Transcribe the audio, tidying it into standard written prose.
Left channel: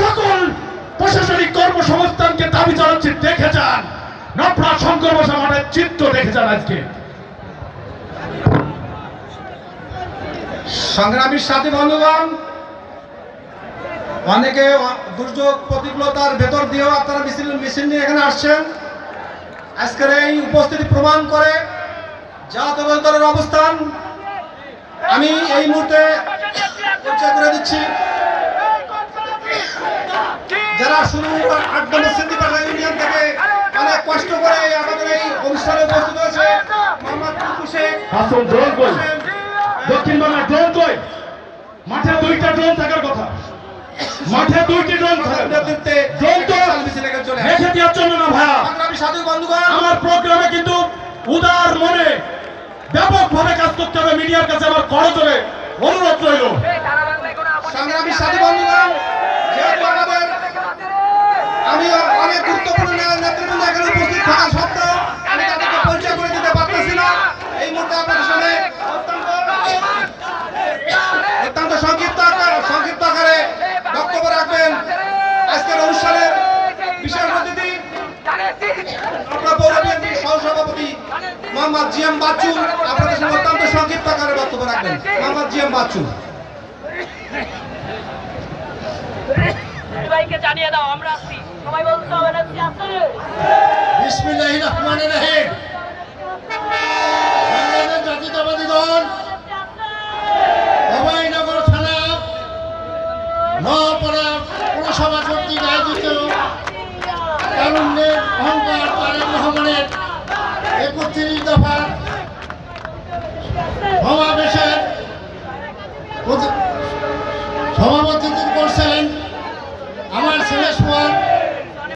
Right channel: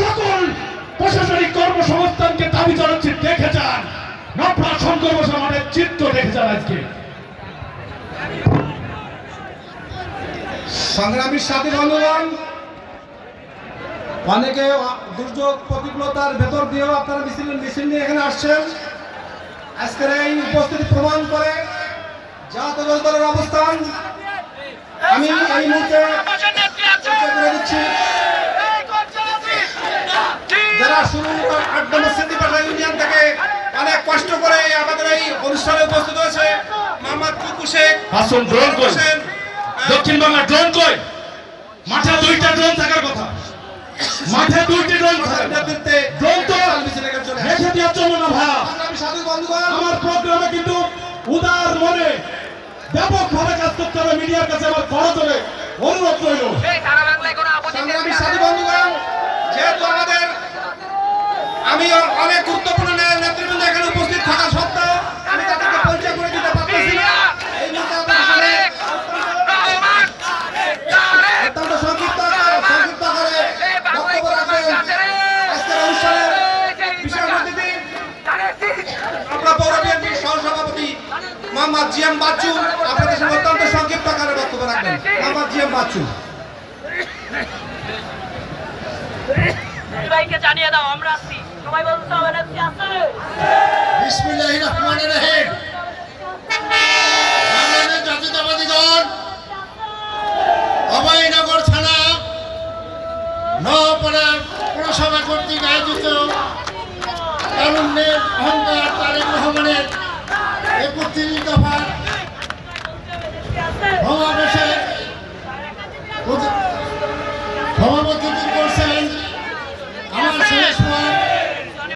সকল প্রশাসনিক কর্মসংস্থানকে দাবি জানাচ্ছি, দেখে যান নফরা শঙ্কর বসা মাঠের চিত্র দেখে যান। আজকে সংগ্রামী সাথী বন্ধুগণ, অনেকে দুর্যোগ প্রতিকূলতার ভেতর দিয়েও আপনারা মিছিল নিয়ে এখানে আসছেন। আজকের এই উপস্থিতি প্রমাণ করে জাতীয় দলের অবস্থান। আমি এই মুহূর্তে পরিচয় করে দিচ্ছি যারা শুরু ইউনিয়ন থেকে অনেক কষ্ট করে আমাদের এই অনুষ্ঠানে উপস্থিত হয়েছে। মোহাম্মদ টুকু শেখ, হাসন ড্রোন কই, দক্ষিণ বাংলা ড্রোন কই, মাঠে দুইটা ড্রোন থাকার কথা, মাঠে দুইটি ড্রোন নেতৃত্বে রেখে দেওয়ার জন্য না ভাইয়া। সাধু বন্ধুগণ, আমার প্রোগ্রামে কিন্তু উদার মনে ব্যাপকভাবে কাজ করতে হবে। মিডিয়ার কাছে আমার করজোরে অনুরোধ রইল। সংগ্রামী সাথী বন্ধুগণ, যেহেতু আমি অনেক গুরুত্বপূর্ণ নেতৃবৃন্দ এখানে উপস্থিত থাকা সত্ত্বেও আমি তাদেরকে পরিচয় করে দিতে পারতেছি না। এই মুহূর্তে আপনাদের সামনে অত্যন্ত সংক্ষিপ্ত আকারে বক্তব্য রাখবেন আজকের অনুষ্ঠানের বিশেষ অতিথি আমরা পৌর বিএনপির সহসভাপতি মোহাম্মদ জিএম বাচ্চু। আপনাদের সামনে অত্যন্ত সংক্ষিপ্ত আকারে বক্তব্য রাখবেন মোহাম্মদ জিএম বাচ্চু। সবাইকে জানিয়ে দাও আমরা আছি, সবাই বলতে হবে না আছে। বিসমিল্লাহির রহমানির রহিম। বাংলাদেশ জাতীয়তাবাদী দল অভয়নগর থানা নওপাড়া পৌরসভা কর্তৃক আয়োজিত তারুণ্যের অহংকার তারেক রহমানের ৩১ দফা সমাবেশের সভাপতিত্ব করছেন আমার শেষ